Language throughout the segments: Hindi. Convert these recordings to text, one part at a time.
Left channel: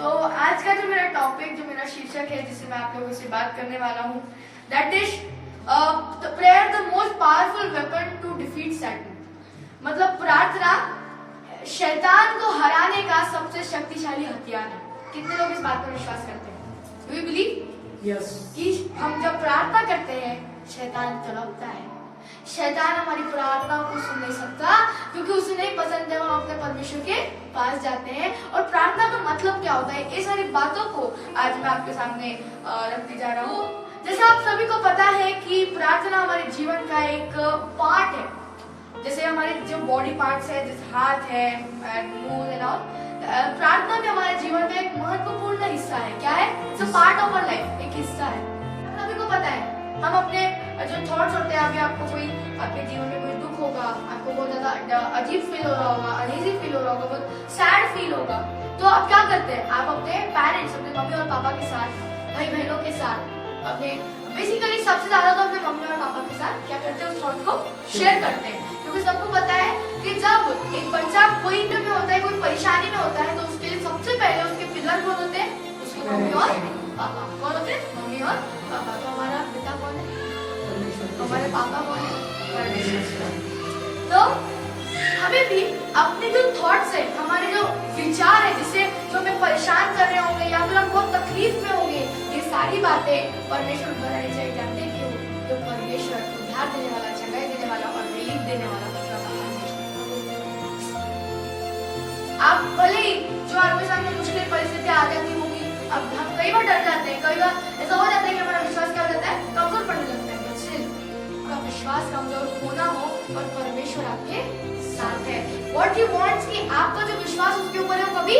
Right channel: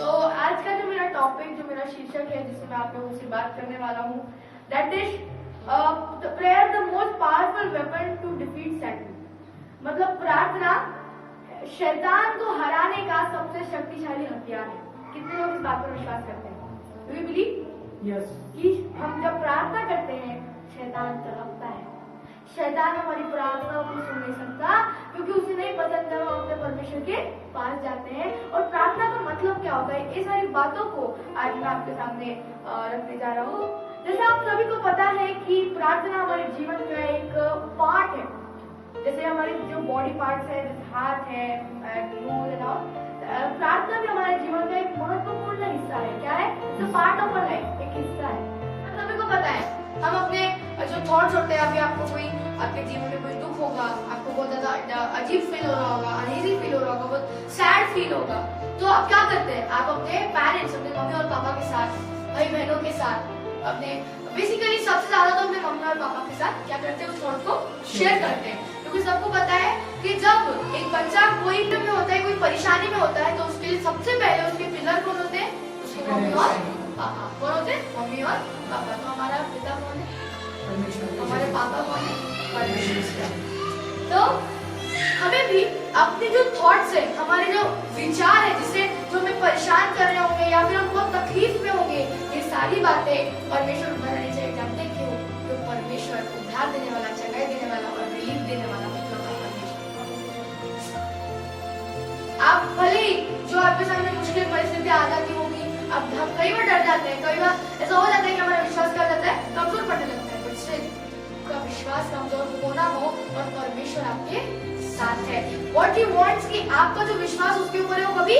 तो आज का जो मेरा टॉपिक, जो मेरा शीर्षक है जिससे मैं आप लोगों से बात करने वाला हूँ, that is prayer the most powerful weapon to defeat Satan. मतलब प्रार्थना शैतान को हराने का सबसे शक्तिशाली हथियार है। कितने लोग इस बात पर विश्वास करते हैं? Do you believe? यस। कि हम जब प्रार्थना करते हैं शैतान तड़पता है। शैतान हमारी प्रार्थनाओं को सुन नहीं सकता क्योंकि उसे नहीं पसंद जब हम अपने परमेश्वर के पास जाते हैं। और प्रार्थना का मतलब क्या होता है, ये सारी बातों को आज मैं आपके सामने रखने जा रहा हूँ। जैसे आप सभी को पता है कि प्रार्थना हमारे जीवन का एक पार्ट है। जैसे हमारे जो बॉडी पार्ट्स है, जैसे हाथ है, नोज एंड ऑल, प्रार्थना भी हमारे जीवन का एक महत्वपूर्ण हिस्सा है। क्या है? It's a part of our life, एक हिस्सा है। सभी को पता है हम अपने जो थॉट्स होते हैं, अभी आपको कोई आपके जीवन में कोई दुख होगा, आपको बहुत ज्यादा अजीब फील हो रहा होगा, अनईजी फील हो रहा होगा, बहुत सैड फील होगा, तो आप क्या करते हैं? आप अपने पेरेंट्स, अपने मम्मी और पापा के साथ, भाई बहनों के साथ, अपने बेसिकली सबसे ज्यादा तो अपने मम्मी और पापा के साथ क्या करते हैं? उस थॉट को शेयर करते हैं। क्योंकि सबको पता है कि जब एक बच्चा कोई में होता है, कोई परेशानी में होता है, तो उसके लिए सबसे पहले उसके पिलर कौन होते हैं? उसके मम्मी और पापा। कौन होते हैं? मम्मी और पापा। तो हमारा पिता कौन है? हमारे पापा कौन है? परमेश्वर। तो हमें भी अपने जो थॉट्स है, हमारे जो विचार है, जिससे जो हमें परेशान कर रहे होंगे या फिर हम बहुत तकलीफ में होंगे, ये सारी बातें परमेश्वर बनाने चाहिए। जानते हैं क्यों? तो परमेश्वर उद्धार देने वाला, चंगाई देने वाला और रिलीफ देने वाला इकलौता परमेश्वर। आप भले ही जो आपके सामने मुश्किल परिस्थितियां आ जाती होगी, अब हम कई बार डर जाते हैं, कई बार ऐसा हो जाता है कि हमारा विश्वास क्या हो जाता है? कमजोर पड़ने लगता है। बट स्टिल आपका विश्वास कमजोर होना हो और परमेश्वर आपके साथ है। व्हाट ही वांट्स कि आपका जो विश्वास उसके ऊपर है वो कभी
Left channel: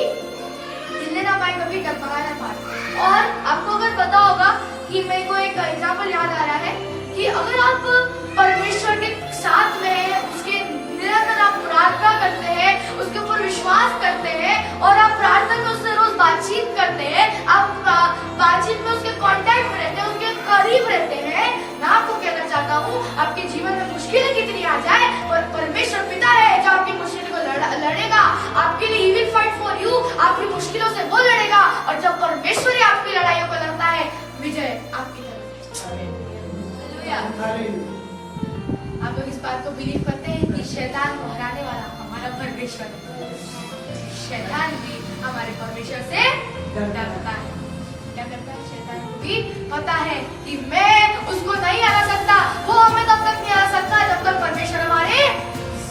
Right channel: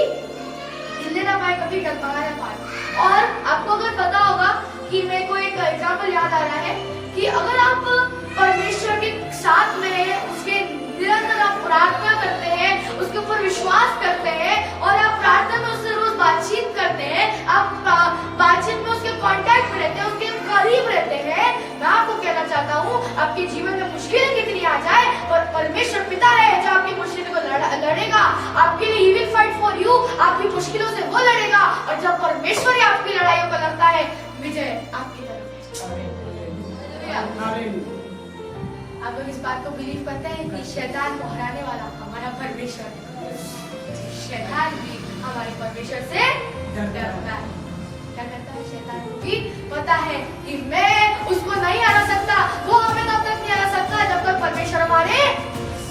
हिलने ना पाए, कभी डगमगा ना पाए। और आपको अगर पता होगा कि मेरे को एक एग्जांपल याद आ रहा है कि अगर आप परमेश्वर के साथ में हैं, उसके निरंतर आप प्रार्थना करते हैं, उसके ऊपर विश्वास करते हैं और आप प्रार्थना में उससे रोज बातचीत करते हैं, आप बातचीत में उसके कांटेक्ट में रहते हैं, उसके करीब रहते हैं, मैं आपको कहना चाहता हूँ आपके जीवन में मुश्किलें कितनी आ जाए, पर परमेश्वर पिता है जो आपकी मुश्किलों को लड़ेगा, आपके लिए he will fight for you. आपकी मुश्किलों से वो लड़ेगा और जब परमेश्वर ही आपकी लड़ाइयों को लड़ता है, विजय आपकी तरफ है। आप लोग इस बात को बिलीव करते हैं कि शैतान को हराने वाला हमारा परमेश्वर है? शैतान भी हमारे परमेश्वर से डरता है। क्या करता है? शैतान को भी पता है कि मैं उसको नहीं हरा सकता, वो हमें तब तक नहीं हरा सकता जब तक परमेश्वर हमारे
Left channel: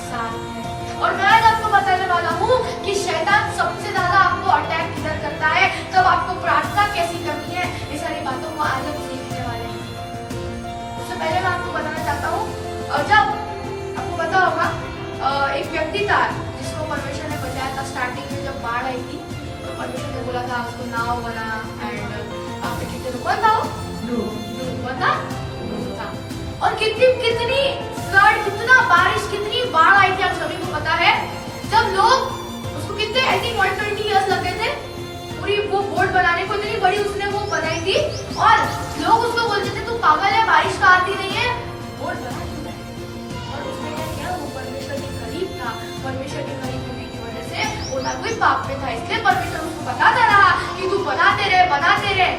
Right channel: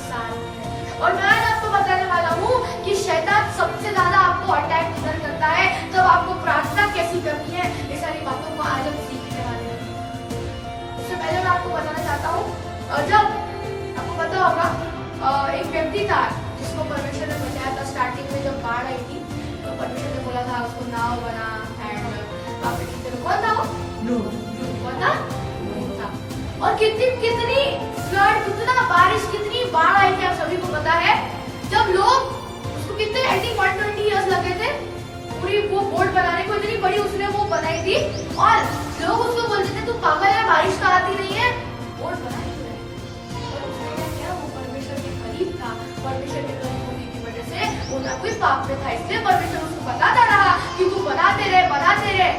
साथ है। और मैं आज आपको बताने वाला हूँ कि शैतान सबसे ज्यादा आपको अटैक किधर करता है, तब आपको प्रार्थना कैसी करनी है, ये सारी बातों को आज हम सीखने वाले हैं। उससे पहले मैं आपको बताना चाहता हूँ, जब आपको पता होगा एक व्यक्ति था जिसको परमेश्वर ने बचाया था। स्टार्टिंग में जब बाढ़ आई थी तो परमेश्वर ने बोला था उसको नाव बना, एंड वहाँ पे कितने लोग, कौन था वो? नूह था। और कितनी फ्लड, कितना बारिश, कितनी बाढ़ आई थी, आप सभी को पता है। जब लोग उसको कितने, आई थिंक 120 ईयर्स लगे थे पूरी वो बोट बनाने को, इतनी बड़ी उसने वो बनाई थी। और लोग उसको बोलते थे तू पागल है, बारिश तो आती नहीं है, बोट बना क्यों है? और उसने क्या किया? वो परमेश्वर के करीब था। परमेश्वर के करीब होने की वजह से वो ना कोई पाप में था, इसलिए परमेश्वर उसको बताता रहा कि तू बनाते रहे।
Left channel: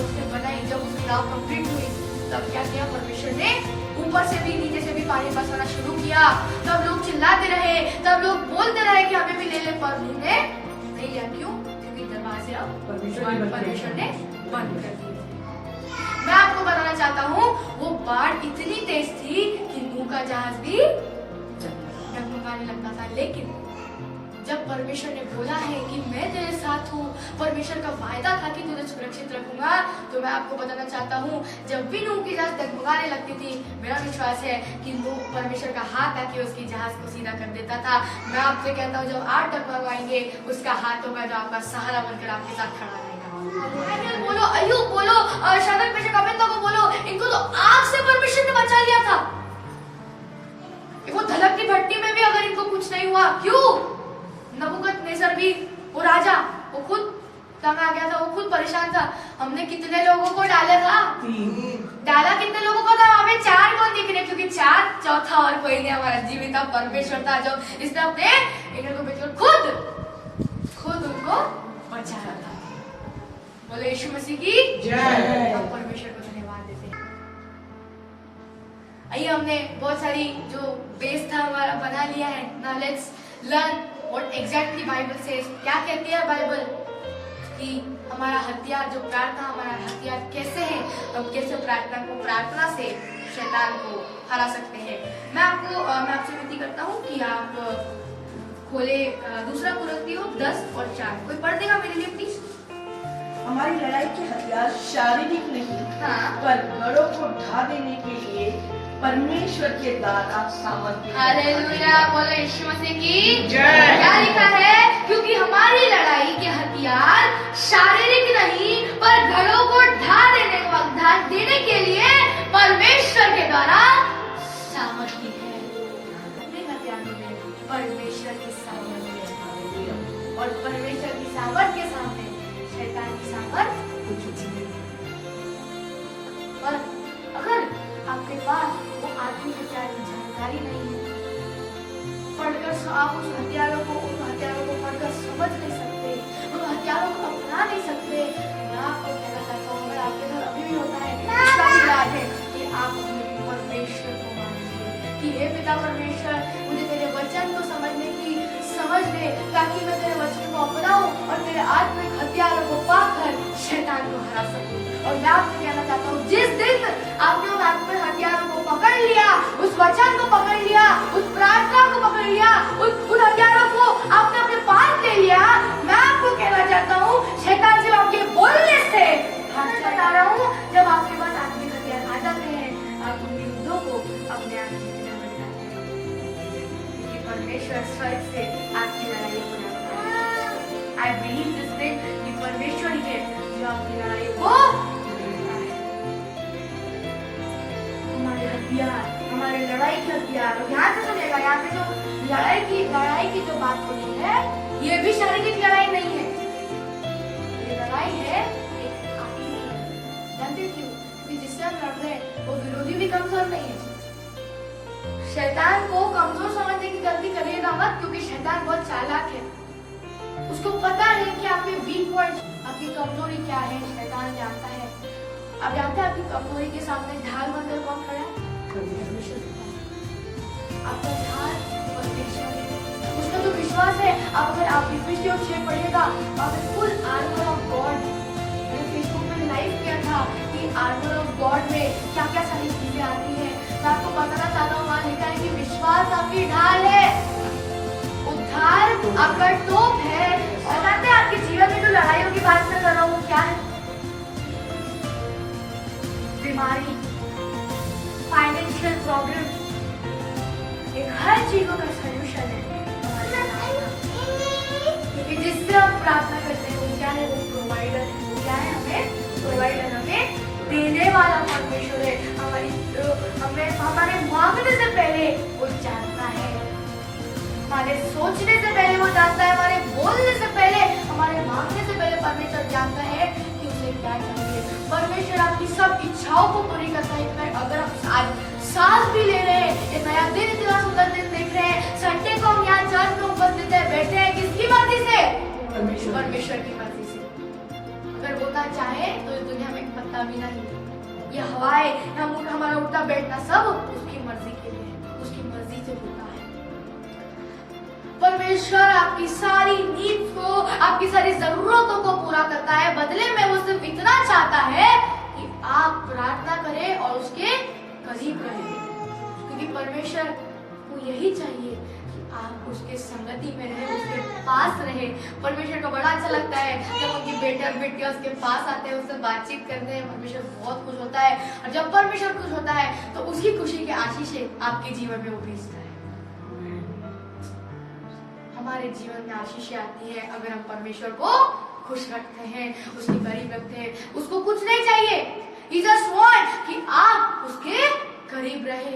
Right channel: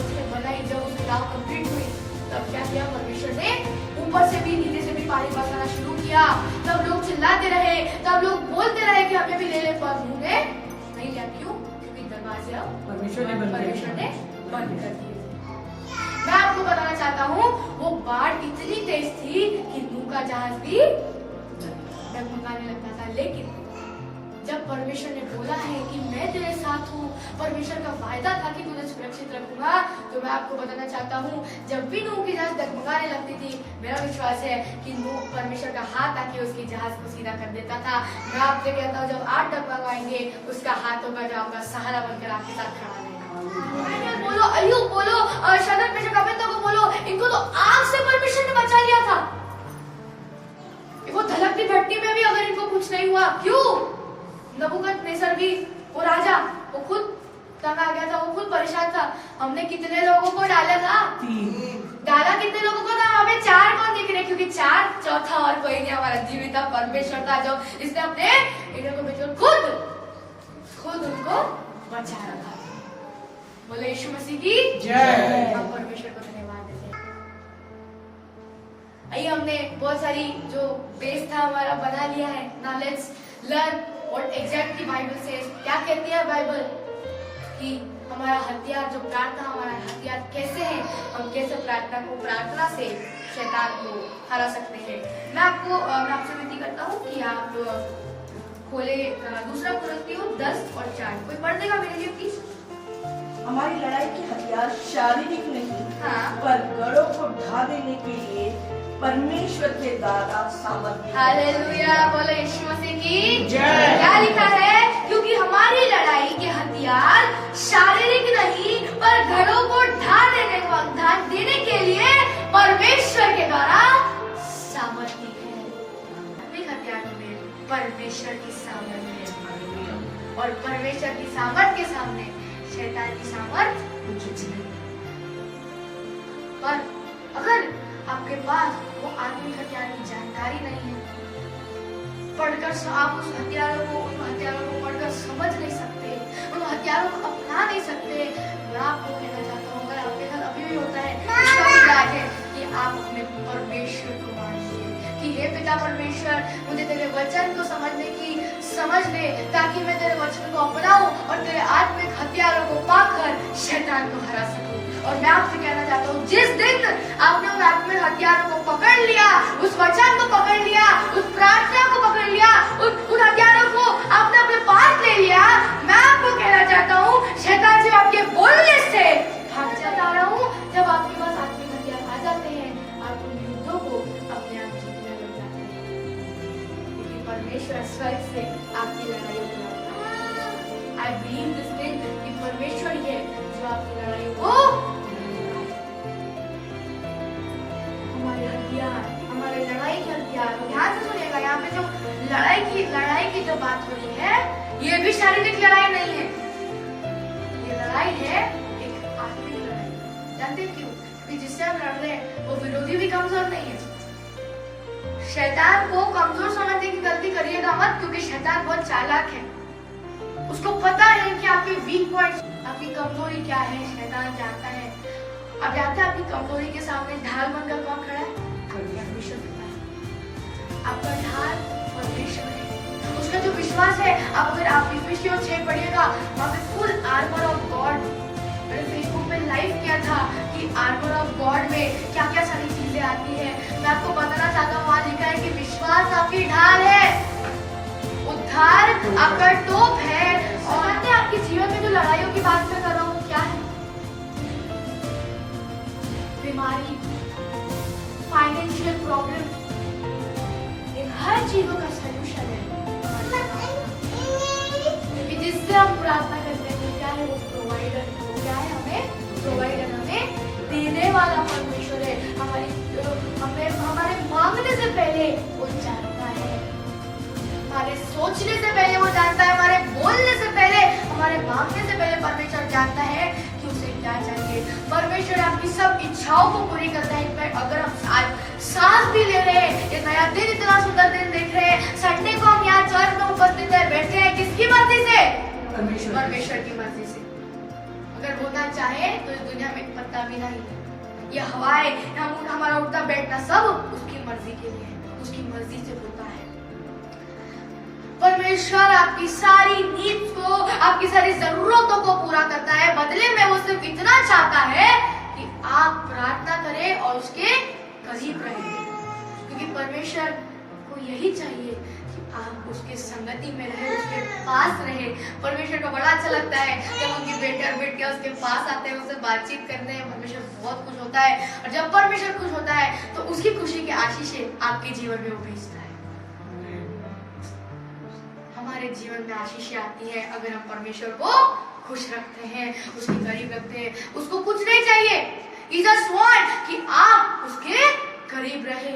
उसने बनाई। जब उसकी नाव कंप्लीट हुई तब क्या किया? परमेश्वर ने ऊपर से भी नीचे से भी पानी बरसाना शुरू किया। तब लोग चिल्लाते रहे, तब लोग बोलते रहे कि हमें भी ले ले, पर उन्होंने नहीं लिया। क्यों? क्योंकि दरवाजे अब परमेश्वर ने बंद कर दिए। मैं आपको बताना चाहता हूँ वो बाढ़ इतनी तेज थी कि नूह का जहाज भी डगमगाने लगता था। लेकिन जब परमेश्वर ने बोला है कि मैं तेरे साथ हूँ, परमेश्वर का वायदा था कि तुझे सुरक्षित रखूंगा, तो मैं आपको बताना चाहता हूँ जब भी नूह की जहाज डगमगाने लगती थी, मेरा विश्वास है कि नूह परमेश्वर का हाथ आके उसकी जहाज को सीधा कर देता था। मैं आपसे कहता हूँ जब आप डगमगाएंगे उसका हाथ होगा जो आपका सहारा बनकर आपके साथ खड़ा रहेगा। बोलो अय्यूब, बोलो शदक मेशक अबेदनगो को बोलो, इनको तो आग से परमेश्वर ने बचा लिया था। वो धलकती भट्टी में भी अगर इनको कुछ नहीं हुआ, क्यों? नबूकदनेस्सर भी, वो राजा, वो खुद तंग आ गया था, वो खुद परेशान था। हमने कितने लोगों को डाला था? डाला कितने लोगों को था? हमें 4 कौन दिख रहे? क्योंकि 4, चौथा और कोई नहीं, हमारा जीवित परमेश्वर था जो इसने अपने खुद उनको बचा रखा। बोले यीशु मसीह की जय। हम परमेश्वर को धन्यवाद देते हैं। आइए, हमने बहुत सारी जो बेस था हमारा बना लिया है। Now let's learn what exactly Bible says. क्या कहती है बाइबल कि हमारा हथियार जो प्रार्थना, हमारा हथियार कैसे है, हम कैसे प्रार्थना से शैतान को हरा सकते हैं। मैं आपसे विनती करता हूँ कि आप खोले दूसरा कुरिन्थियों 10:4। कोई पढ़ देगा मेरे लिए प्लीज? हमारी लड़ाई के हथियार शारीरिक नहीं, हाँ। पर गढ़ों को ढा देने के लिए परमेश्वर के द्वारा सामर्थ्य। हालेलुया, बोलो यीशु मसीह की जय। क्या लिखा है? क्योंकि हमारी लड़ाई के हथियार शारीरिक नहीं, पर घरों को ढा देने के लिए परमेश्वर के द्वारा सामर्थ्य है। अपने हथियारों में परमेश्वर की सामर्थ्य है, और परमेश्वर की सामर्थ्य के सामने शैतान की सामर्थ्य कुछ नहीं। पर अगर आपके पास वो आत्मिक हथियार की जानकारी नहीं है, पढ़कर आप उन हथियारों को पढ़कर समझ नहीं सकते, उन हथियारों को अपना नहीं सकते, मैं आपको कहना चाहता हूँ, अगर आपके साथ अभी भी होता है, इसका भी इलाज है कि आप अपने परमेश्वर को मानिए कि हे पिता परमेश्वर, मुझे तेरे वचन को समझ दे, ताकि मैं तेरे वचन को अपनाऊं और तेरे आत्मिक हथियारों को पाकर शैतान को हरा सकूं। और मैं आपसे कहना चाहता हूँ, जिस दिन आपने उन आत्मिक हथियारों को पकड़ लिया, उस वचन को पकड़ लिया, उस प्रार्थना को पकड़ लिया, उन हथियारों को आपने अपने पास ले लिया, मैं आपको कहना चाहता हूँ, शैतान से आपके बोलने से भाग जाता रहा हूँ। जब आपके पास आत्मिक हथियार आ जाते हैं, आप उन युद्धों को अपने आप जीतने लग जाते हैं, क्योंकि परमेश्वर स्वर्ग से आपकी लड़ाई को लड़ता है। आई बिलीव दिस थिंग कि परमेश्वर ही है जो आपकी लड़ाई को लड़ता है। हमारे हथियार, हमारे लड़ाई के हथियार, ध्यान से सुनिएगा, यहाँ पे जो लड़ाई की जो बात हो रही है, ये भी शारीरिक लड़ाई नहीं है, ये लड़ाई है एक आत्मिक लड़ाई। जानते क्यों? क्योंकि जिससे हम लड़ रहे हैं वो विरोधी भी कमजोर नहीं है। शैतान को कमजोर समझने की गलती करिएगा मत, क्योंकि शैतान बहुत चालाक है। उसको पता है कि आपके वीक पॉइंट, आपकी कमजोरी क्या है, शैतान जानता है। आप जानते हैं आपकी कमजोरी के सामने ढाल बनकर कौन खड़ा है? परमेश्वर खड़ा है। आपका ढाल परमेश्वर है, उसका जो विश्वास है। अगर आप इफिसियों 6 पढ़िएगा, वहाँ पे फुल आर्मर ऑफ गॉड, मैंने फेसबुक में लाइव किया था कि आर्मर ऑफ गॉड में क्या क्या सारी चीजें आती है। मैं आपको बताना चाहता हूँ, वहाँ लिखा है कि विश्वास आपकी ढाल है, उद्धार आपका टोप है। और जानते हैं आपके जीवन में जो लड़ाइयों की बात मैं कर रहा हूँ क्या है? बीमारी, फाइनेंशियल प्रॉब्लम, इन हर चीजों का सलूशन है हमारे प्रार्थना। क्योंकि जिससे हम प्रार्थना करते हैं वो क्या है? वो प्रोवाइडर है। वो क्या है? हमें प्रोवाइडर, हमें देने वाला परमेश्वर है। हमारे मांगने से पहले वो जानता है, हमारे सोचने से पहले वो जानता है, हमारे बोलने से पहले, हमारे मांगने से पहले परमेश्वर जानता है कि उसे क्या चाहिए। परमेश्वर आपकी सब इच्छाओं को पूरी करता है। इनफैक्ट अगर हम आज सांस भी ले रहे हैं, ये नया दिन, इतना सुंदर दिन देख रहे हैं, संडे को हम यहाँ चर्च में उपस्थित है, बैठे हैं, किसकी मर्जी से? परमेश्वर की मर्जी से। अगर होना चाहे तो इस दुनिया में एक पत्ता भी नहीं, ये हवाएं, हमारा उठना बैठना सब उसकी मर्जी के लिए है, उसकी मर्जी से होता है। परमेश्वर आपकी सारी नीड्स को, आपकी सारी जरूरतों को पूरा करता है। बदले में वो सिर्फ इतना चाहता है कि आप प्रार्थना करें और उसके करीब रहें, क्योंकि परमेश्वर को यही चाहिए कि आप उसके संगति में रहे, उसके पास रहे। परमेश्वर को बड़ा अच्छा लगता है जब उनके बेटे और बेटियां उसके पास आते हैं, उससे बातचीत करते हैं। परमेश्वर बहुत खुश होता है, और जब परमेश्वर खुश होता है तो उसकी खुशी की आशीषें आपके जीवन में वो भेजता है। हमारे जीवन में आशीषें आती है अगर हम परमेश्वर को खुश रखते हैं, उसके करीब रखते हैं। उसको कुछ नहीं चाहिए, He just wants कि आप उसके करीब रहे।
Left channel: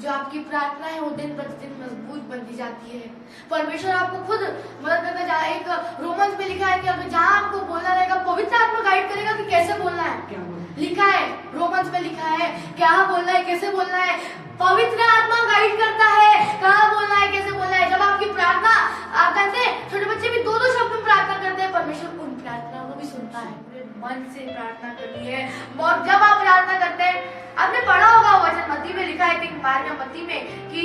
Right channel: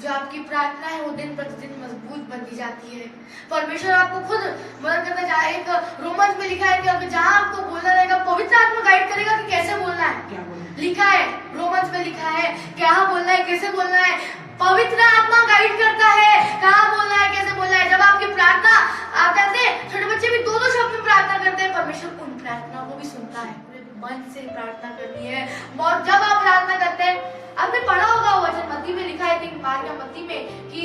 जो आपकी प्रार्थना है वो दिन प्रतिदिन मजबूत बनती जाती है। परमेश्वर आपको खुद मदद करता जाए। एक रोमन्स में लिखा है कि अगर जहाँ आपको बोलना रहेगा, पवित्र आत्मा गाइड करेगा कि कैसे बोलना है। लिखा है, रोमन्स में लिखा है क्या बोलना है, कैसे बोलना है। पवित्र आत्मा गाइड करता है कहाँ बोलना है, कैसे बोलना है। जब आपकी प्रार्थना कहते हैं, छोटे बच्चे भी दो शब्द में प्रार्थना करते हैं, परमेश्वर उन प्रार्थनाओं को भी सुनता है। पूरे मन से प्रार्थना करनी है। और जब आप प्रार्थना करते हैं, आपने पढ़ा होगा वचन मत्ती में लिखा है, मार्क या मत्ती में कि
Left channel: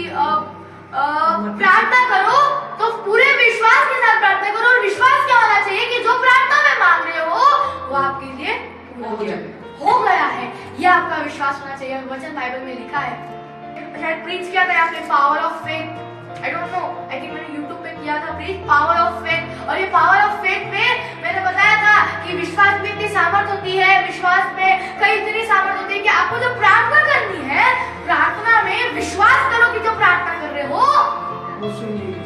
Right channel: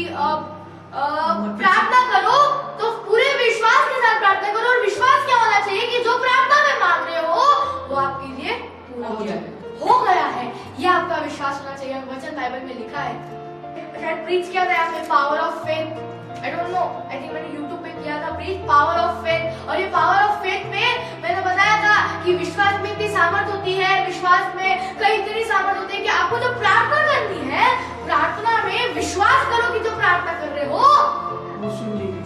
प्रार्थना करो तो पूरे विश्वास के साथ प्रार्थना करो। और विश्वास क्या होना चाहिए कि जो प्रार्थना में मांग रहे हो वो आपके लिए पूरा हो गया है। यह आपका विश्वास होना चाहिए। वचन बाइबल में लिखा है, शायद प्रीच किया था आपने, power of faith. I don't know, I think मैंने यूट्यूब पे किया था प्रीच, पावर ऑफ फेथ। और ये पावर ऑफ फेथ में मैंने बताया था कि विश्वास में इतनी सामर्थ होती है, विश्वास में कई इतनी सामर्थ होती है कि आपको जो प्रार्थना करनी है, प्रार्थना में विश्वास करो कि जो प्रार्थना कर रहे हो वो सुन ली गई।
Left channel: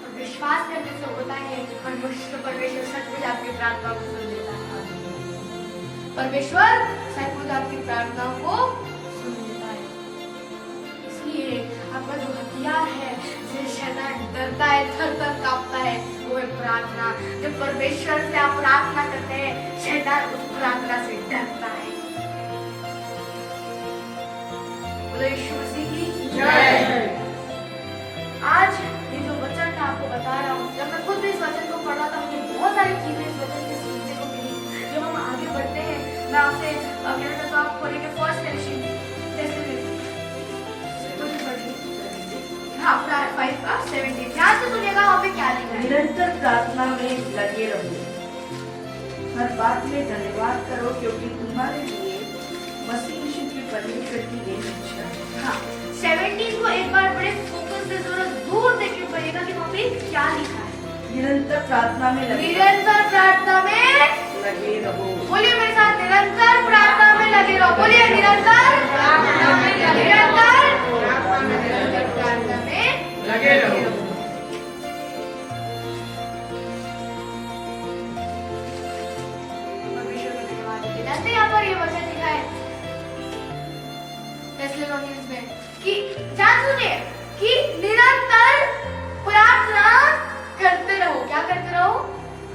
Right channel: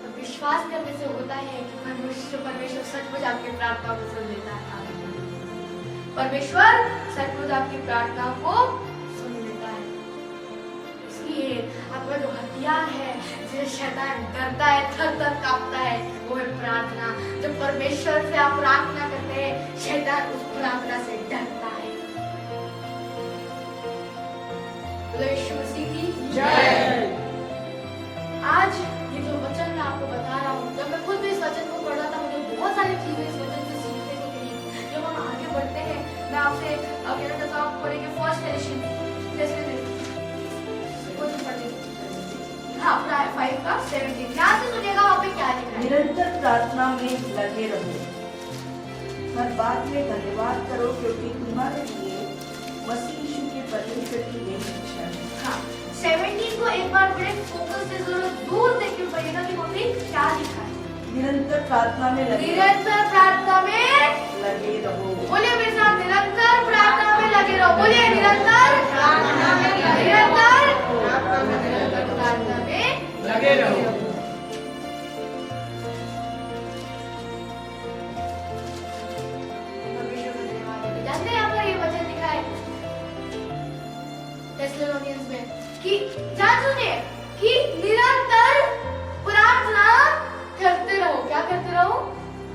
तो विश्वास करने से होता है कि परमेश्वर सचमुच आपकी प्रार्थनाओं को सुन लेता है। परमेश्वर सचमुच आपकी प्रार्थनाओं को सुन लेता है। इसलिए आपका जो हथियार है, जिसे शैतान डरता है, थर-थर कांपता है, वो है प्रार्थना। जब परमेश्वर से आप प्रार्थना करते हैं, शैतान उस प्रार्थना से डरता है। बोलो यीशु मसीह की जय। आज ये जो वचन मैं आपको बता रहा हूँ, जब मैं खुद भी इस वचन को पढ़ रहा था, मुझे बहुत सारी चीजें इस वचन से सीखने को मिली। जब हम आगे बढ़ते हैं, मैं आपसे कहना चाहता हूँ, आपको लेके फर्स्ट फेलोशिप हाँ, 5 का 17 ध्यान से सुनिएगा, वहाँ पे क्या लिखा है। निरंतर प्रार्थना में लगे रहो, हर बात में धन्यवाद करो, क्योंकि तुम्हारे लिए मसीह यीशु के परमेश्वर की यह इच्छा है। हाँ, 17 को एक बार बड़े फोकस से जरूर दूर देख के पढ़िएगा कि वहाँ पे क्या लिखा है। निरंतर प्रार्थना में लगे, निरंतर प्रार्थना में लगे रहो। बोलिए मेरे साथ, निरंतर प्रार्थना में लगे रहो। बोलिए निरंतर प्रार्थना में लगे रहो, निरंतर प्रार्थना में लगे रहो। परमेश्वर का धन्यवाद देते। जानते हैं यहाँ पर ये वचन लिखा है थेस्सलुनीयंस में कि जान सुनिए कि निरंतर प्रार्थना करते रहो। क्या करते रहो?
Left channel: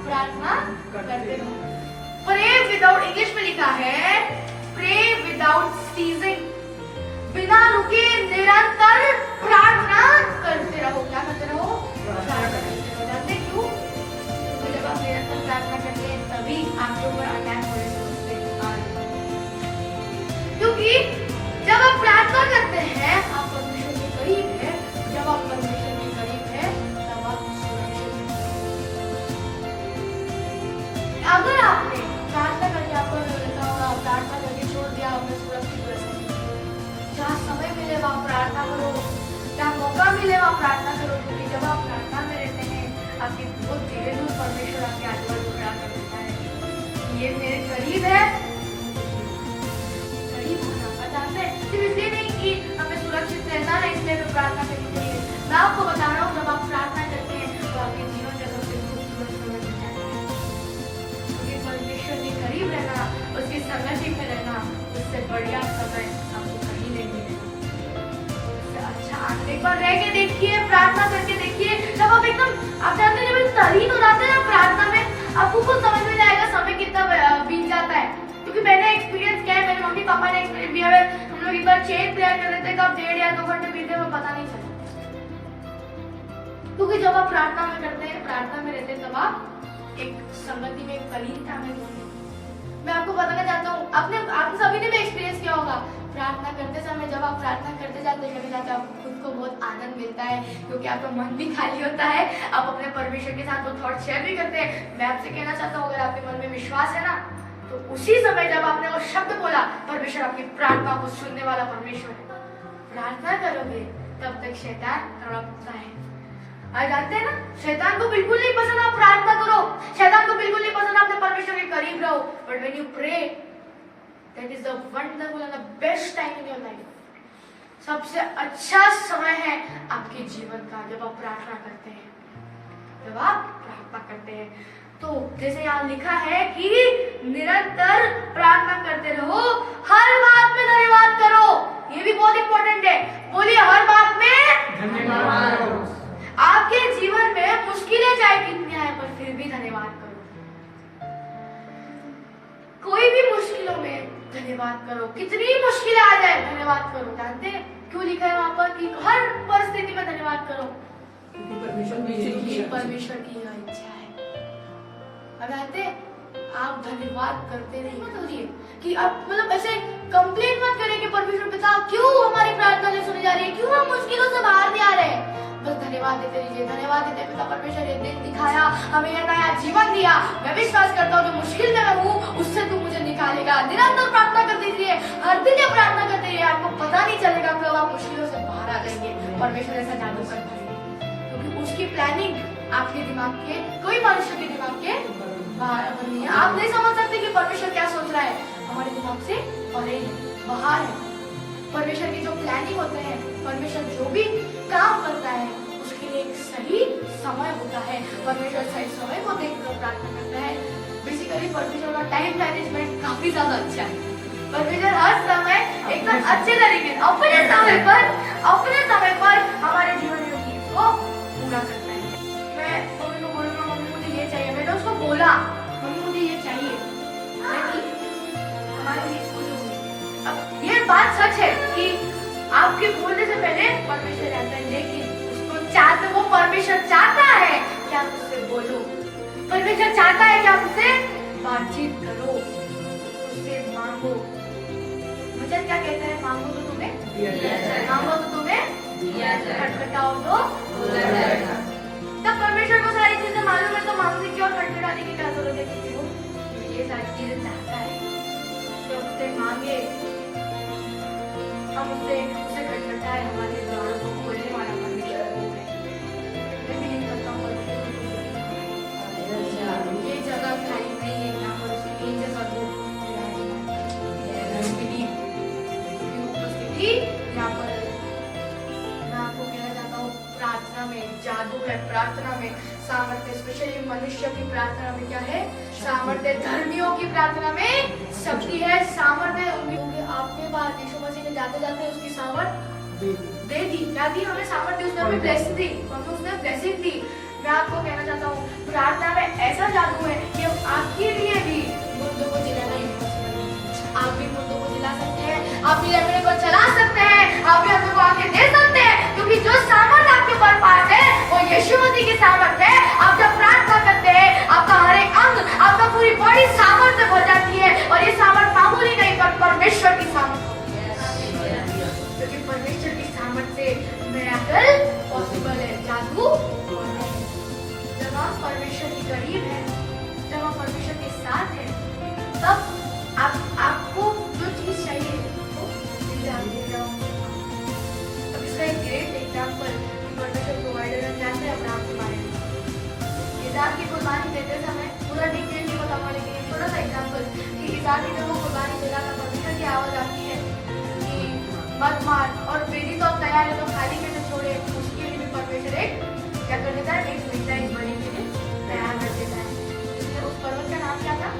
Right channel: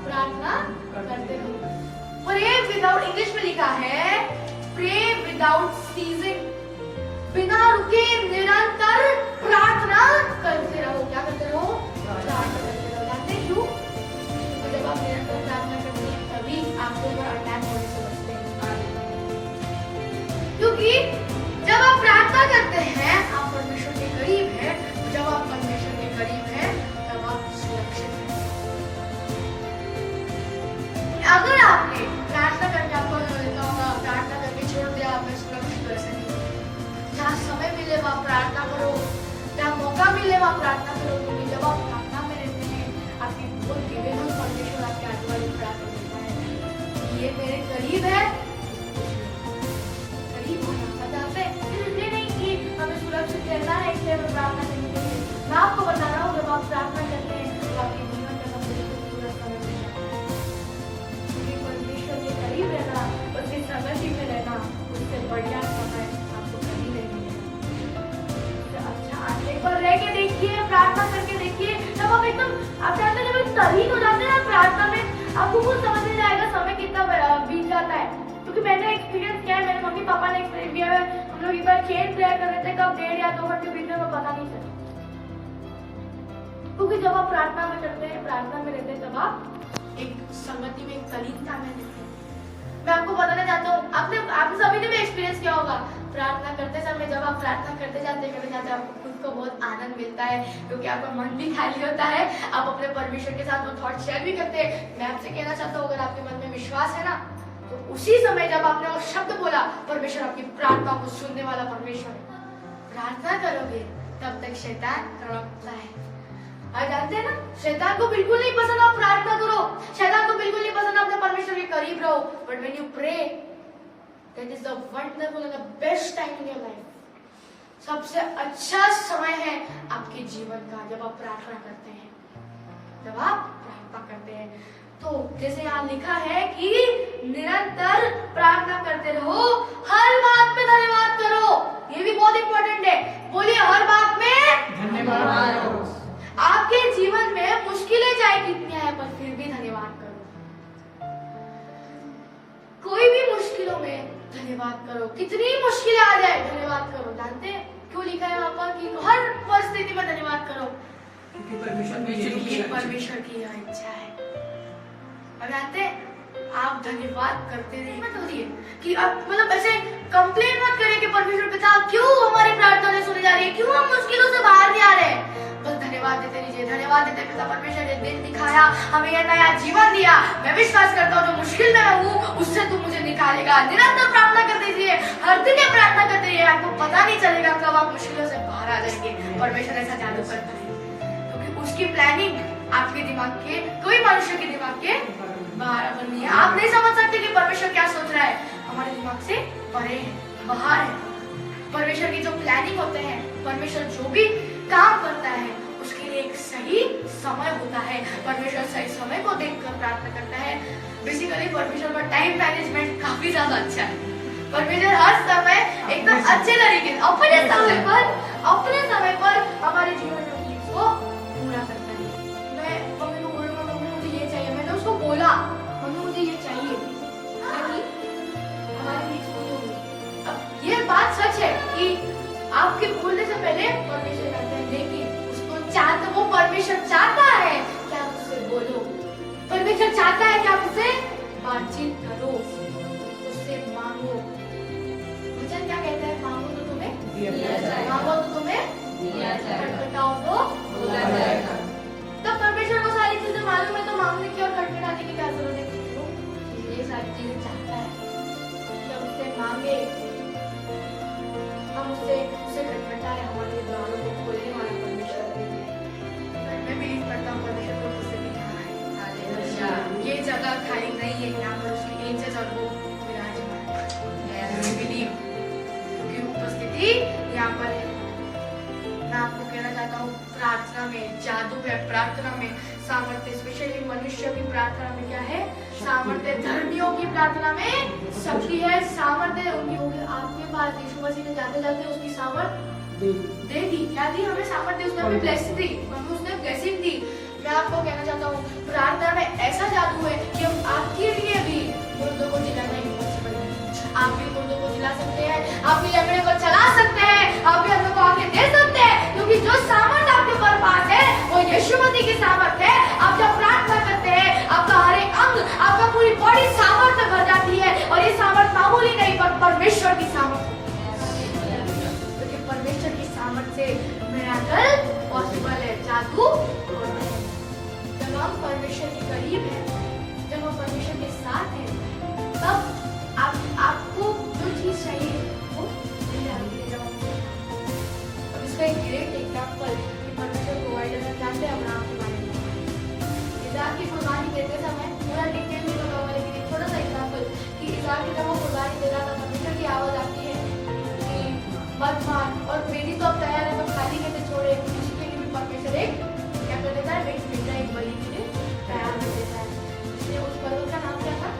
प्रार्थना करते रहो। प्रे विदाउट, इंग्लिश में लिखा है प्रे विदाउट सीजिंग, बिना रुके निरंतर प्रार्थना करते रहो। क्या करते रहो? प्रार्थना करते रहो। जानते क्यों? क्योंकि जब आप निरंतर प्रार्थना करते हैं, तभी आपके ऊपर अटैक होने से बचते हैं। क्योंकि जब आप प्रार्थना करते हैं, आप परमेश्वर के करीब हैं। जब आप परमेश्वर के करीब हैं, तब आप सुरक्षित हैं। अगर आपने प्रार्थना करके, आपको लगता होगा प्रार्थना करके छोड़ दिया, मैं सुरक्षित वैसे नहीं। जहाँ समय मिले वहाँ प्रार्थना करो, जहाँ मौका मिले वहाँ प्रार्थना करो। क्योंकि जब आप प्रार्थना में रहते हैं, आपकी बहुत धीरे धीरे परमेश्वर आपके आजू बाजू खड़ा कर देता है। ये मेरे करीब है, करीब होना बताते हैं। सिर्फ इसलिए नहीं कि हमें सुरक्षित रहना है इसलिए हमें प्रार्थना करनी चाहिए। मैं आपको बता रहा हूँ, जब आप प्रार्थना करते हैं तो आपके जीवन का सबसे खूबसूरत समय बन जाता है। क्योंकि परमेश्वर के करीब रहना, उसकी संगति में रहना, उससे बढ़िया समय आपको कहीं नहीं मिलेगा। अच्छा, आप एक बार रह के देखिए, प्रार्थना करके देखिए। जब आप एकदम, आप जानते हैं, जब तल्लीन हो जाते हैं ना प्रार्थना में, आपको खुद समझ में जाएगा समय कितना बीत जाता है। क्योंकि मैंने एक्सपीरियंस किया है, मेरे मम्मी पापा ने एक्सपीरियंस किया है। हम लोग एक बार चेन प्रेयर कर रहे थे, कब 1.5 या 2 घंटे बीत गए वो पता नहीं चला। क्योंकि जब आप प्रार्थना में करते हैं, प्रार्थना में रहते हैं, तब आप एक संगति में, एक तल्लीनता में रहते हैं। मैं आपको बताना चाहता हूँ, आपने सभी ने भी एक्सपीरियंस किया होगा, प्रार्थना करते समय जब आप प्रार्थना करते जाते आपको खुद को बहुत आनंद मिलता है। क्योंकि आपका मन भी खाली होता है, आप अपने परमेश्वर के साथ वो थॉट शेयर भी करते हैं। मैं आपसे कहना चाहता हूँ, अगर आपके मन में विश्वास है ना, तो उसी समय जब आपने वो शब्द बोला, परमेश्वर आपकी प्रार्थना को सुनने वाला परमेश्वर है। प्रार्थना करोगे तब तक शैतान तड़पता है। और जानते हैं ना, शैतान को बिल्कुल नहीं पसंद आप प्रार्थना करो, शैतान को बिल्कुल नहीं पसंद अपने परमेश्वर के करीब रहो। But when you pray, that is the wonderful and the best time in your life. सबसे अच्छा समय है आपके जीवन का जब आप प्रार्थना करते हैं, जब आप प्रार्थना करते हैं। तो जैसे यहाँ लिखा है कि निरंतर प्रार्थना करते रहो, हर बात में धन्यवाद करो। ये भी बहुत इंपॉर्टेंट है। बोलिए, हर बात में धन्यवाद। आपके जीवन में मुश्किलें चाहे कितनी आए, पर फिर भी धन्यवाद करो। कोई भी मुश्किलों में धन्यवाद करो। कितनी मुश्किलें आ जाए धन्यवाद करो। जानते हैं क्यों लिखा है वहां पर कि हर परिस्थिति में धन्यवाद करो? परमेश्वर की यह इच्छा है। अब जानते हैं आप धन्यवाद करते रहिए, मत होइए कि आप मतलब ऐसे कंप्लेन मत करें कि परमेश्वर पिता क्यों हमारी प्रार्थना नहीं सुनी जा रही है, क्यों हम मुश्किलों से बाहर नहीं आ रहे हैं। बस धन्यवाद देते रहिए, धन्यवाद देते पिता परमेश्वर ने दिन दिखाया, हमें यह नया जीवन दिया। मैं विश्वास करता हूँ जो मुश्किल में मैं हूँ उससे तू मुझे निकालेगा। निरंतर प्रार्थना करते रहिए, हर दिन ये प्रार्थना करते रहिए, आपको पता नहीं चलेगा कब आप मुश्किलों से बाहर आ जाएंगे। परमेश्वर ऐसा जादू करता है क्योंकि उसकी प्लानिंग आपके दिमाग के, कोई मनुष्य के दिमाग के बाहर नहीं है। आप नहीं समझ सकते कि परमेश्वर क्या सोच रहा है, हमारे दिमाग से परे है, बाहर है। परमेश्वर की जो प्लानिंग होते हैं, परमेश्वर जो भी काम करता है उसके लिए एक सही समय होता है। परमेश्वर सही समय को देखकर प्रार्थना करता है। बेसिकली परमेश्वर का टाइम मैनेजमेंट काफी ज्यादा अच्छा है। परमेश्वर हर समय एकदम अच्छे तरीके से अपने समय पर हमारे जीवन में को पूरा करता है। मैं मम्मी को बोलूंगा मम्मी मुझे ये चाहिए, मैंने उसको बोला मम्मी मुझे ये चाहिए, हमारे लिए पूरी हुई। अब ये बात सच है कि आपके बोलने से पहले परमेश्वर जानता है, लेकिन उसको चाहते, वो परमेश्वर चाहता है कि आप उससे बोलो। परमेश्वर चाहता है कि आप उससे बातचीत करो, उससे मांगो। मुझे क्या कहता है, मांगो तो तुम्हें दिया जाएगा, मांगो तो तुम्हें दिया जाएगा, खटखटाओ तो खोला जाएगा। तब परमेश्वर को सारी चीजें मालूम है तो मांगने की और खटखटाने की क्या जरूरत है, क्योंकि वो ये सारी चीजें चाहता है कि उससे मांगे, हम उससे खटखटाए। हमारे द्वारों को खोलने वाला परमेश्वर वो है। मैं बिलीव करता हूँ परमेश्वर को मुझसे भी यहाँ है, ये जगह खाली नहीं है, यहाँ पर उसके एंजल्स और वो विराजमान बिलीव, क्योंकि उपस्थिति यहाँ पर है। मैं आपको कहना चाहता हूँ प्रार्थना में जादू है, प्रार्थना में सामर्थ्य, स्पेशली मनुष्य की प्रार्थना में क्या है, सामर्थ्य। धर्मियों की प्रार्थना में शक्ति है, सामर्थ्य उनकी। आपके पास यीशु मसीह ने जाते जाते उसकी सामर्थ्य दे दी, क्या दी हमें सामर्थ्य, उसने हमें ब्लेसिंग दी, हमें उसने ब्लेसिंग दी। मैं आपको कहना चाहता हूँ प्रार्थना में ऐसा जादू है कि आपके लिए भी मुर्दों को जिलाना इम्पॉसिबल है। आप भी मुर्दों को जिला सकते हैं, आप भी लंगड़े को चला सकते हैं, आप भी हम लोग को आगे दे सकते हैं, क्योंकि जो सामर्थ आपके पास है वो यीशु मसीह की सामर्थ है। आप जब प्रार्थना करते हैं आपका हर एक अंग, आपका पूरी बॉडी सामर्थ से भर जाती है, और ये सामर्थ मामूली नहीं पर परमेश्वर की सामर्थ होती है, क्योंकि परमेश्वर की सामर्थ से मिराकल पॉसिबल है, जादू होते हैं। जब हम परमेश्वर के करीब हैं, जब हम परमेश्वर के साथ हैं, तब आपको जो चीज चाहिए वो मिल जाती है। अब इसका एक ग्रेट एग्जाम्पल कि परमेश्वर प्रोवाइडर है, जानते हैं अब्राहम के बारे में। इज़ाक की कुर्बानी देते समय, पूरा डिटेल नहीं बताऊंगा, लेकिन एक छोटा सा एग्जाम्पल कि इज़ाक की जब वो कुर्बानी दे रहा था, परमेश्वर की आवाज आती है कि मत मार, और बेटी तो अब तैयार है तो खाली कैसे छोड़े। उसके लिए भी परमेश्वर एक क्या कर देता है, एक बेटा एक बलि के लिए तैयार कर देता है। इसलिए उस पर्वत का नाम क्या था,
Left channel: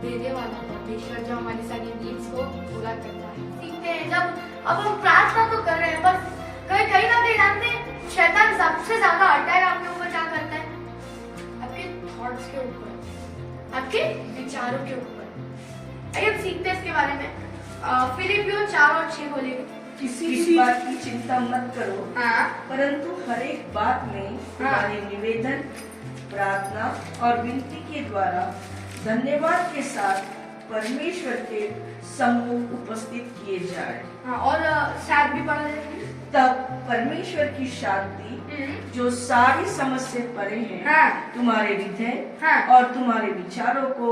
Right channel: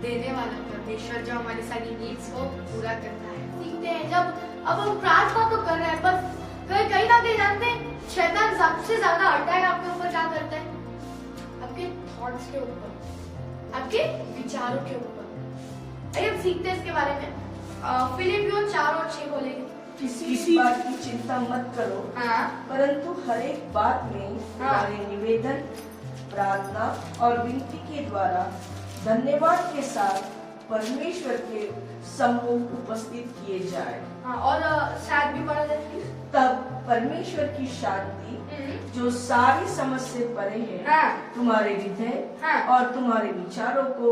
देने वाला परमेश्वर, जो हमारी सारी नीड्स को पूरा करता है। सीखते हैं जब अब हम प्रार्थना तो कर रहे हैं, पर कहीं ना कहीं जानते हैं शैतान सबसे ज्यादा अटैक आपके ऊपर क्या करता है, आपके थॉट्स के ऊपर, आपके विचारों के ऊपर। आइए हम सीखते हैं इसके बारे में। फिलिपियों 4:6 बोलेंगे, किसी बात की चिंता मत करो, परंतु हर एक बात में तुम्हारे निवेदन, प्रार्थना और विनती के द्वारा धन्यवाद के साथ परमेश्वर के सम्मुख उपस्थित किए जाए। और शायद भी पढ़ा जाए, तब परमेश्वर की शांति जो सारी समझ से परे है, तुम्हारे हृदय और तुम्हारे विचारों को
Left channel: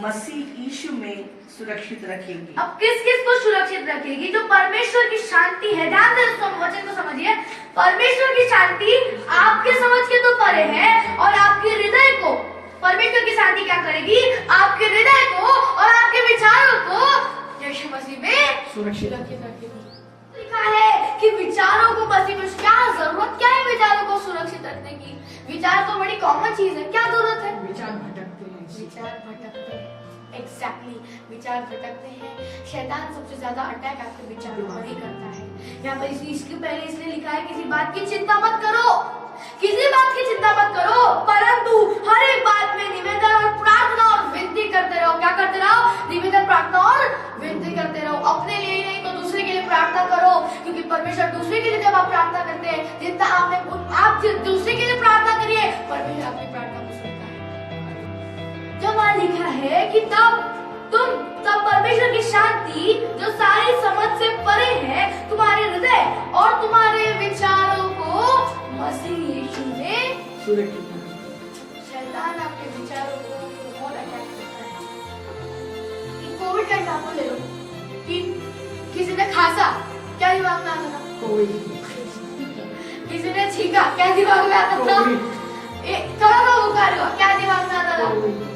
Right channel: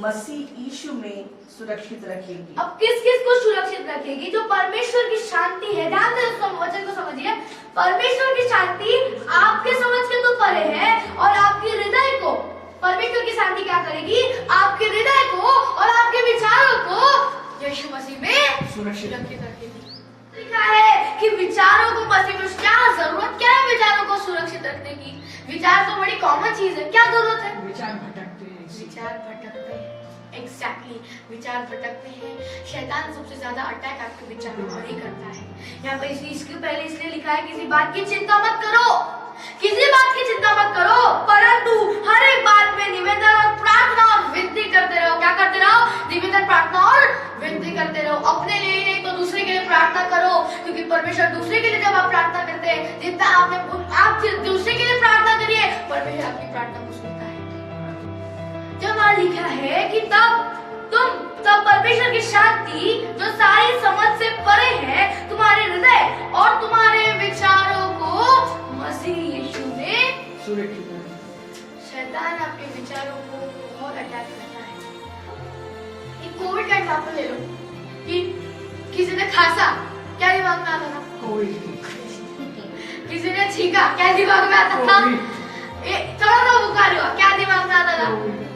मसीह यीशु में सुरक्षित रखेगी। अब किस किस को सुरक्षित रखेगी, जो परमेश्वर की शांति है। ध्यान से इस वचन को समझिए, परमेश्वर की शांति आपके समझ के तो परे है, और आपके हृदय को परमेश्वर की शांति क्या करेगी, आपके हृदय को और आपके विचारों को यीशु मसीह में सुरक्षित रखेगी। लिखा है कि विचारों को मसीह में, क्या जरूरत क्या है विचारों को सुरक्षित रखने की। विचार तो बड़ी कॉमन चीज है, क्या जरूरत है, विचार भटकते हैं, एग्जैक्टली विचार भटकते हैं। शैतान सबसे ज्यादा अटैक आपके विचारों पर ही करता है। यहाँ पर इसके पहले इसलिए लिखा है किसी बात की चिंता मत करो, किसी बात की चिंता मत करो, परंतु हर एक बात में निवेदन और प्रार्थना और विनती करते रहो। क्या करते रहो? निवेदन, प्रार्थना और विनती करते रहो। अपने लिए ही नहीं तो दूसरे के लिए प्रार्थना करो, क्योंकि परमेश्वर दूसरे के लिए जब आप प्रार्थना करते हैं, जितना आप दूसरे के लिए प्रार्थना करिए, परमेश्वर आपकी प्रार्थना को सुनता है। जब वहां लिखा है कि तब परमेश्वर की शांति जो सारी समझ से परे है तुम्हारे हृदय और तुम्हारे विचारों को मसीह यीशु में। शैतान आपके विचारों को बहुत अटैक करता है। एक कोविड का एग्जाम्पल ले लो कि किसी ने खांसा, क्या दिमाग में आता था? किसी ने छींका, क्या दिमाग में आता था? थोड़ा सा बुखार हुआ, क्या दिमाग में आता था?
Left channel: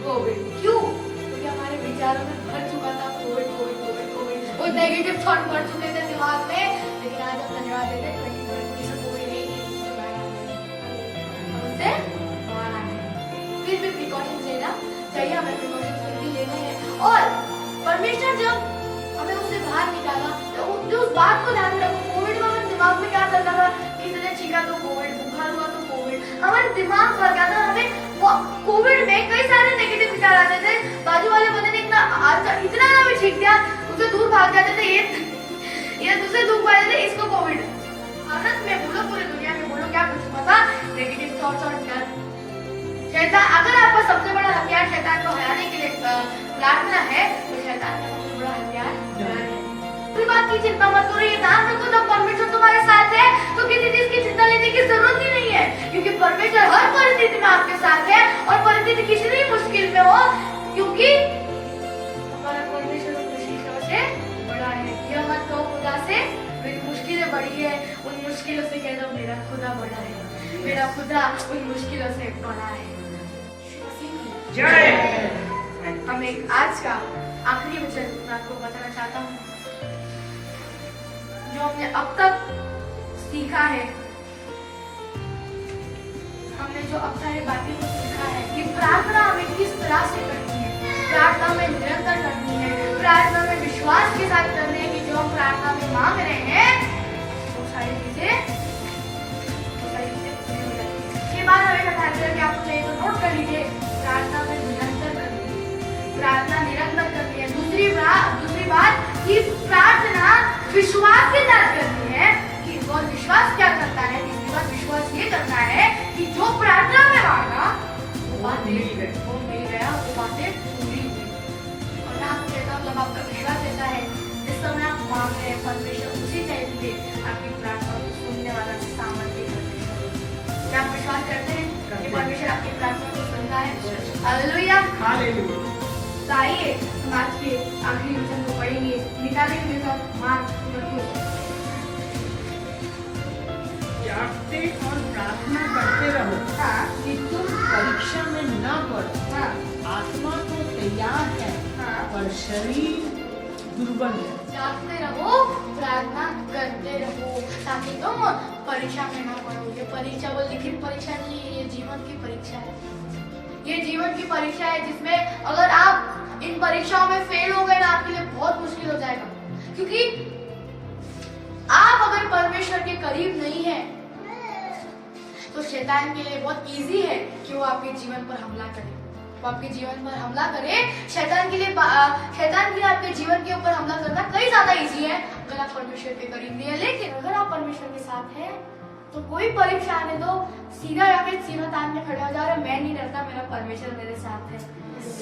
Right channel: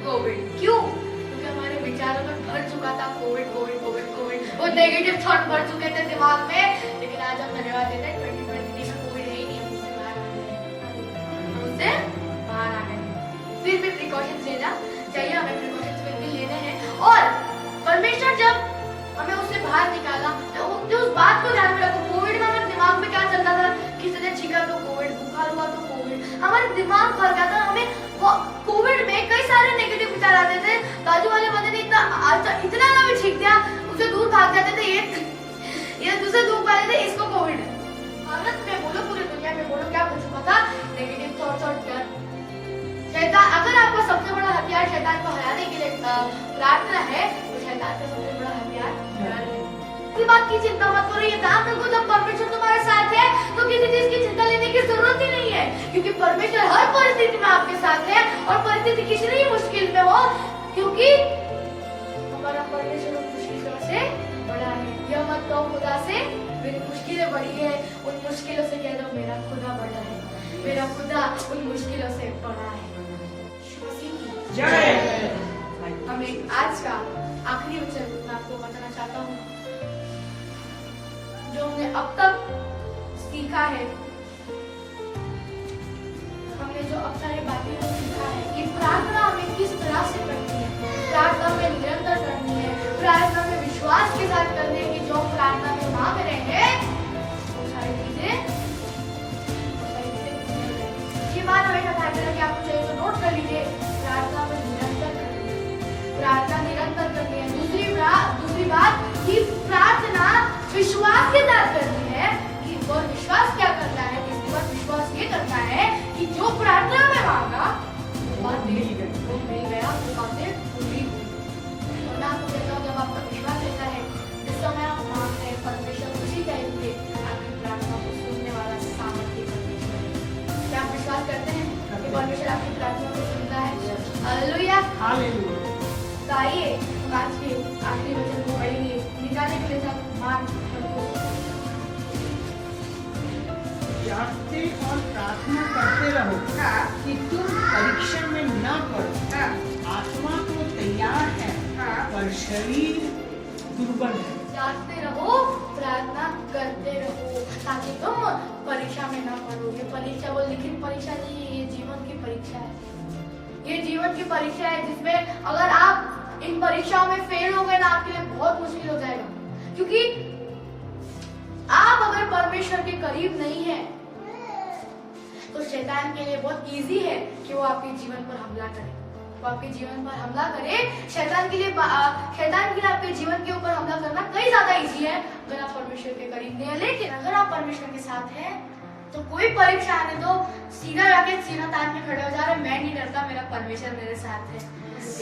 कोविड। क्यों? क्योंकि हमारे विचारों में भर चुका था कोविड कोविड कोविड कोविड, वो नेगेटिव थॉट भर चुके थे दिमाग में। लेकिन आज हम धन्यवाद देते हैं 2020 में कोविड है ही नहीं, हम उससे बाहर आ गए। फिर भी प्रिकॉशंस लेना चाहिए, हमें प्रिकॉशंस फिर भी लेने हैं। और परमेश्वर जब हमें उससे बाहर निकाला तो उस बात को ध्यान में रखो। कोविड में हमारे दिमाग में क्या चलता था? किसी ने छींका तो कोविड, बुखार हुआ तो कोविड, हमारे दिमाग भर गया था। हमें कोविड में कई सारे नेगेटिव विचार आते थे। बाजू वाले बंदे ने इतना ना भी छींक दिया, उसे दूर भाग जाते थे, ये दूसरे दूर भाग जाते थे, इसको कोविड है। भारत में बोलो, पूरी दुनिया में बोलो, क्या कुछ हुआ था? नेगेटिव थॉट्स और डर। शैतान, अगर आपका सबसे बड़ा हथियार शैतान को हराने के लिए प्रार्थना है, तो शैतान का सबसे बड़ा हथियार डर है। इस बात की चिंता मत करो, ये ध्यान रखो, जब परमेश्वर तुम्हारे साथ है तो किसी चीज की चिंता लेने की जरूरत ही नहीं है, क्योंकि परमेश्वर हर परिस्थिति में आपके साथ है। और परिस्थिति कितनी भी मुश्किल में हो, क्योंकि हमारा परमेश्वर उन मुश्किलों से बड़ा है। यह मत कहो खुदा से मेरी मुश्किलें बड़ी है, उन मुश्किलों से कह दो मेरा खुदा बड़ा है, मेरा खुदा उन मुश्किलों से बड़ा है। हमें आज का आखिरी वचन मैं आपको बताना चाहता हूँ, जो हमने अब तक सीखा है। हमने जो अब सारी बातें को सीखा है कि प्रार्थना हमें किस तरह से करनी है, प्रार्थना में निरंतर करनी है, प्रार्थना में विश्वास के साथ करनी है कि जो हम प्रार्थना में मांग रहे हैं वो सारी चीजें पूरी हो जाए। ये बात हमें बता देना कि आपको चाहिए तो नोट कर लीजिए, प्रार्थना में निरंतर करनी है, प्रार्थना निरंतर करनी है। दूसरी बात कि प्रार्थना विश्वास के साथ करनी है कि और विश्वास क्या करता है? तीसरी बात विश्वास ये करता है कि जो प्रार्थना में मांगा वो बात मिल गया, वो बातें पूरी हुई। और मैं आपको कहता हूँ, जब आपका विश्वास रहता है, जिस समय आप मांगते हैं, परमेश्वर उसी टाइम पे आपकी प्रार्थना को सुनने वाला सामर्थ्य परमेश्वर है। क्या आप विश्वास करते हैं कि परमेश्वर आपकी प्रार्थना को सुनता है? Hallelujah, hallelujah. तो आइए हम आज के आखिरी वचन को पढ़ेंगे। निकाले मेरे साथ मार्क जागते और प्रार्थना करते रहो कि तुम परीक्षा में न पड़ो। आत्मा तो तैयार है पर शरीर दुर्बल है। जागते रहो, प्रार्थना करते रहो ताकि तुम परीक्षा में ना पड़ो। ये परीक्षा वो लिखित परीक्षा नहीं है, ये जीवन की परीक्षा है। ये जीवन की परीक्षा है जिसमें अगर आप इन परीक्षाओं में फेल हो गए ना, आपके लिए बहुत मुश्किल हो जाएगा, क्योंकि आप अगर परमेश्वर के करीब नहीं है तो शैतान के लिए बहुत इजी है कि वो आपके जीवन पर हमला करे। वो आपके जीवन पर हमला करे। शैतान के लिए आपके जीवन के ऊपर हमला करना कई ज्यादा इजी है अगर आप परमेश्वर के करीब नहीं है। लेकिन अगर आप परमेश्वर के साथ हैं तो कोई परीक्षा आने दो, सीधा जाके सीना तान के खड़े हो जा रहे, मैं नहीं डरता, मेरा परमेश्वर मेरे साथ है।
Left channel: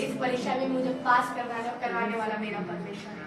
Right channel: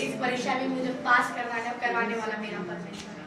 इस परीक्षा में मुझे पास करवाने वाला मेरा परमेश्वर है।